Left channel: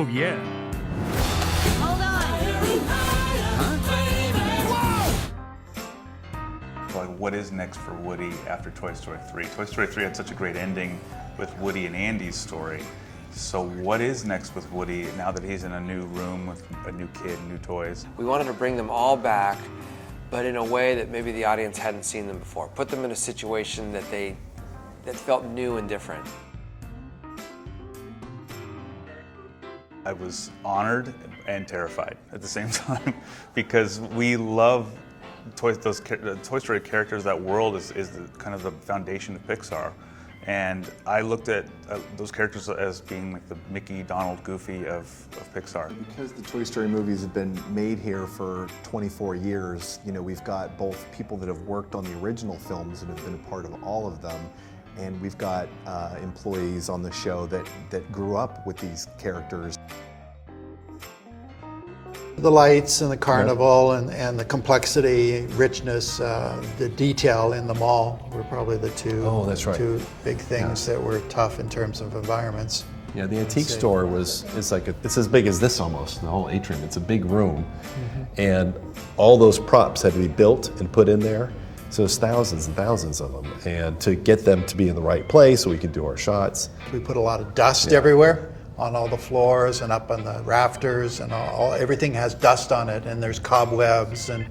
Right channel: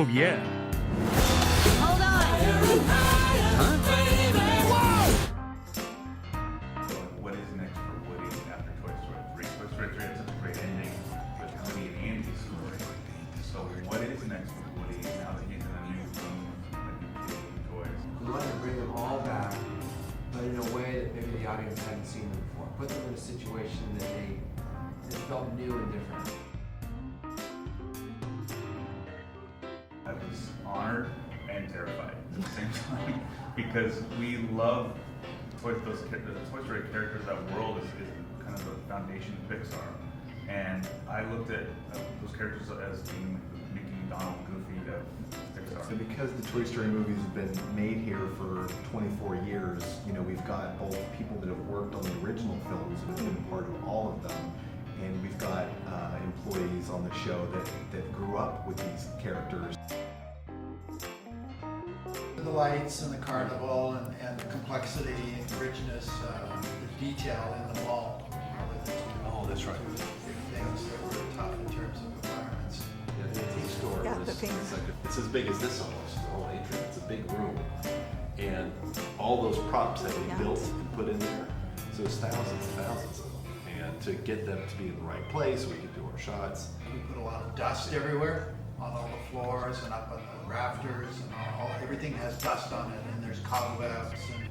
Oh, yeah. Hold on. Like, what is next for Woody after Toy Story 3? Toy Story 3 had such a great ending with Woody and Andy's story. So what is next with Woody now that he's in a new room with a new kid, new toys? We wanted to bring them all back, but in a way that maybe the audience hadn't seen them before. Put them in a situation that felt new and different. I was honored and terrified at the same time because we love those Toy Story characters. That world is kind of the foundation of Pixar. And I looked at those characters as being like the Mickey, Donald, Goofy of Pixar. Because the Toy Story movies have been made here for 24 years, you know, we've got both people that have worked on the original films and been a part of all of them, and we've got employees on the show that grew up with these characters. The lights and the carnival and the complexity, richness, the detail in the mall were probably the two big things that were tough in terms of environments. Yeah, the antique store it's as big as this almost, the whole atrium. It's a big room. And all those props had to be built and put in there. So it's thousands and thousands of them. And to get them to be in the right place so we could do our shots. We put a lot of dust everywhere, on all the floors and up on the rafters, and everything has dust on it, and there's cobwebs and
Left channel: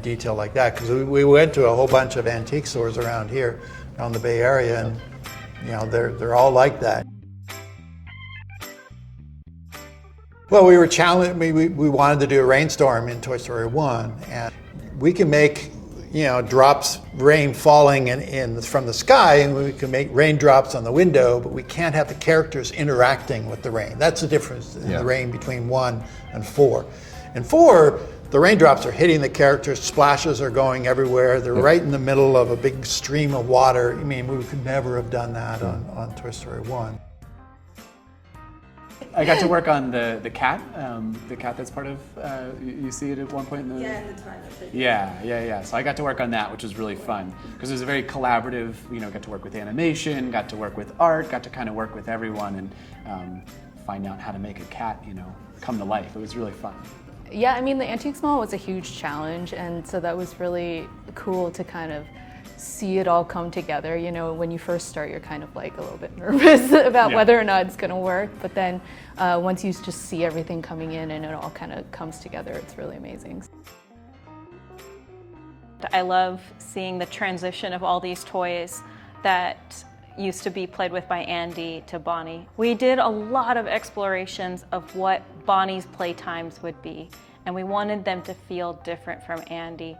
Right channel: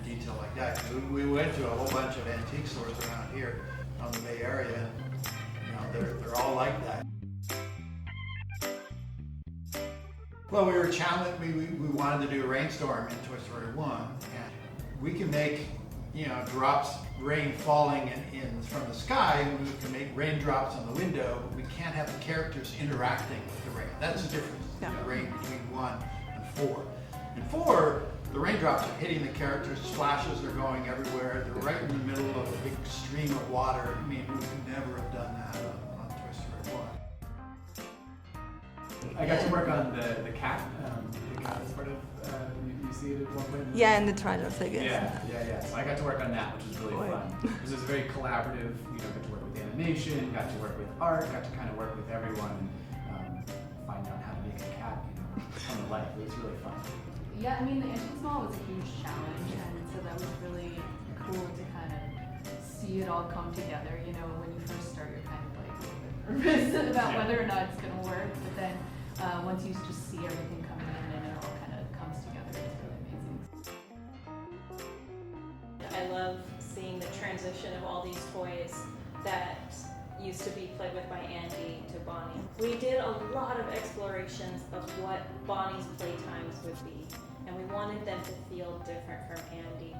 detail like that. Because we went to a whole bunch of antique stores around here, on the Bay Area, and you know they're all like that. Well, we were challenged. We wanted to do a rainstorm in Toy Story 1, and we can make rain falling from the sky, and we can make raindrops on the window, but we can't have the characters interacting with the rain. That's the difference in the rain between 1 and 4. In 4, the raindrops are hitting the characters, splashes are going everywhere, they're right in the middle of a big stream of water. I mean, we could never have done that on Toy Story 1. I got to work on the cat that's part of, you see it at one point in the... Yeah, in the trailer. Yeah. So I got to work on that, which was really fun. Because it was a very collaborative, got to work with animation, got to work with art, got to kind of work with everyone and find out how to make a cat, come to life. It was really fun. Yeah, I mean, the Antiques Mall was a huge challenge, and so that was really cool to kind of see it all come together. When you first start, you're kind of like a little bit nervous about whether or not it's going to work, but then once you just see everything coming in and it all kind of comes together, it's really amazing. I love seeing the transition of all these toys that used to be played with by Andy to Bonnie. We did a lot of explorations of what Bonnie's playtimes would be, and we wanted them to feel different from Andy.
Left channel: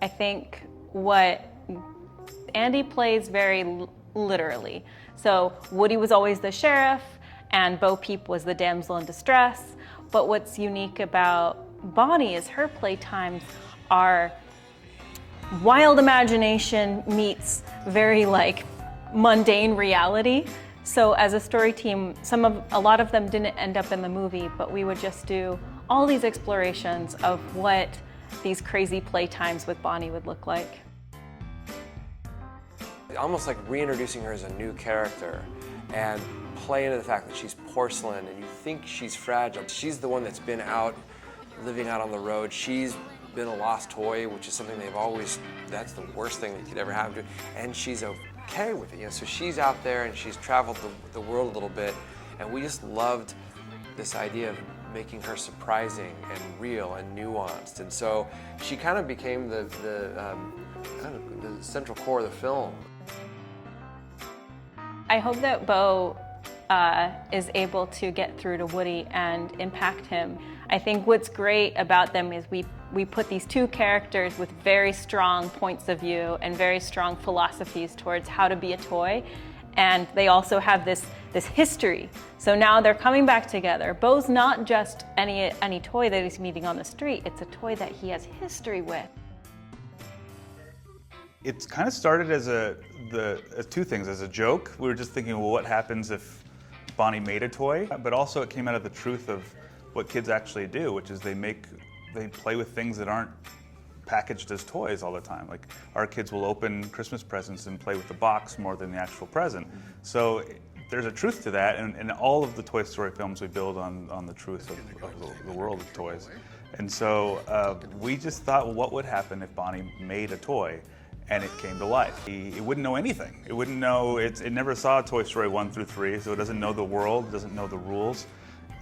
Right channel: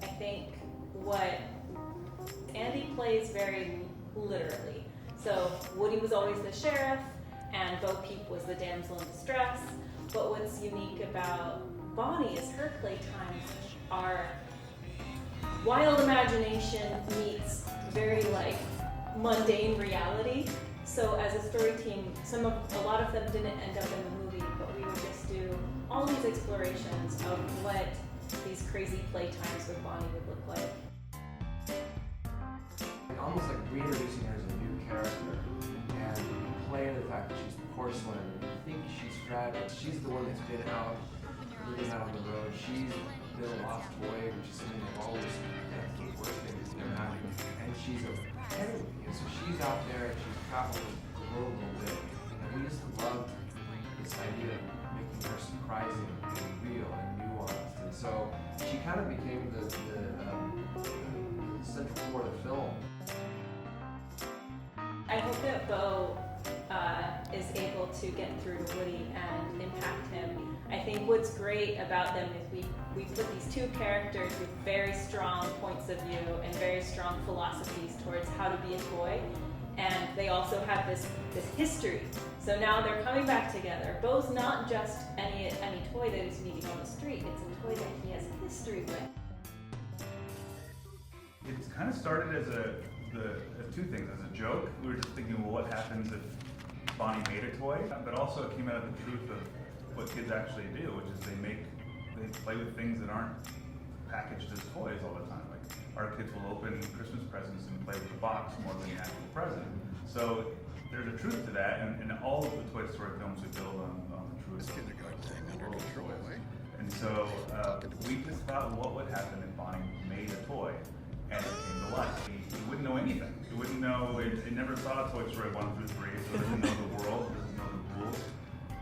I think what Andy plays very literally. So Woody was always the sheriff, and Bo Peep was the damsel in distress. But what's unique about Bonnie is her playtimes are wild imagination meets very mundane reality. So as a story team, a lot of them didn't end up in the movie, but we would just do all these explorations of what these crazy playtimes with Bonnie would look like. Almost like reintroducing her as a new character and play into the fact that she's porcelain and you think she's fragile. She's the one that's been out, living out on the road. She's been a lost toy, which is something that's the worst thing that could ever happen to her. And she's okay with it. So she's out there and she's traveled the world a little bit, and we just loved this idea of making her surprising and real and nuanced. And so she kind of became the central core of the film. I hope that Bo is able to get through to Woody and impact him. I think what's great about them is we put these two characters with very strong points of view and very strong philosophies towards how to be a toy, and they also have this history. So now they're coming back together. Bo's not just any toy that he's meeting on the street, it's a toy that he has history with. It kind of started as two things. As a joke, we were just thinking, well, what happens if Bonnie made a toy? But also it came out of the truth of what kids actually do, which is they play with things that aren't packaged as toys all the time. Like our kids will open Christmas presents and play with the box more than the actual present. So there's a truth to that, and all of the Toy Story films we build on the truths of the world of toys. And so we just thought, well, what would happen if Bonnie made a toy and it came to life? It wouldn't know anything. It wouldn't know, it never saw Toy Story 1 through 3, so it doesn't know the world, doesn't know the rules.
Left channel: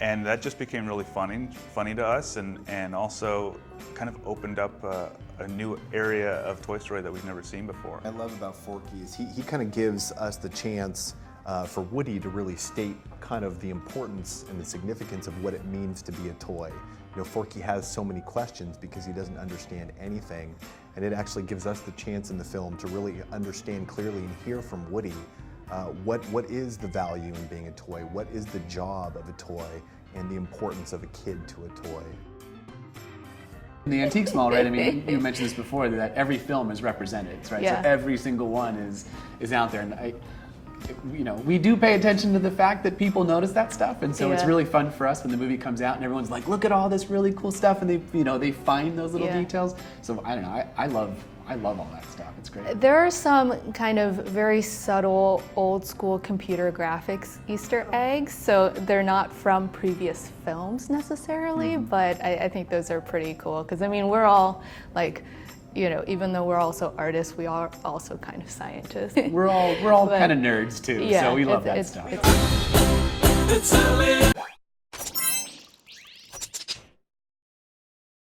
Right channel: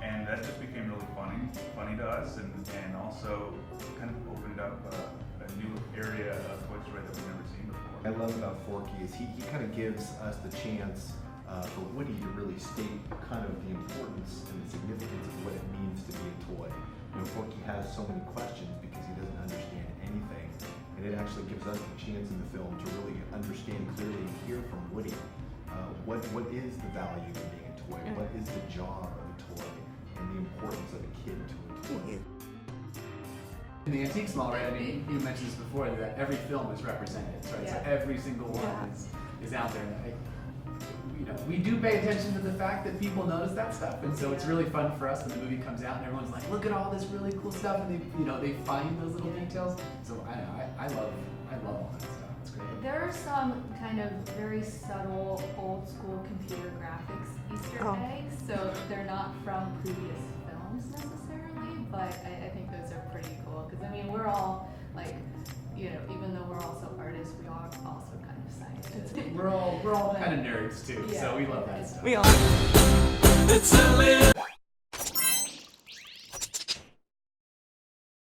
And that just became really funny to us, and also kind of opened up a new area of Toy Story that we've never seen before. I love about Forky is he kind of gives us the chance for Woody to really state kind of the importance and the significance of what it means to be a toy. You know, Forky has so many questions because he doesn't understand anything, and it actually gives us the chance in the film to really understand clearly and hear from Woody what is the value in being a toy, what is the job of a toy, and the importance of a kid to a toy. In the Antiques Mall, right? I mean, you mentioned this before, that every film is represented, right? Yeah. So every single one is out there, and we do pay attention to the fact that people notice that stuff, and so it's really fun for us when the movie comes out and everyone's like, look at all this really cool stuff, and they find those little details. So I don't know, I love all that stuff. It's great. There are some kind of very subtle old school computer graphics Easter eggs, so they're not from previous films necessarily, but I think those are pretty cool, because I mean, we're all like, even though we're also artists, we are also kind of scientists. We're all kind of nerds too, so we love that stuff.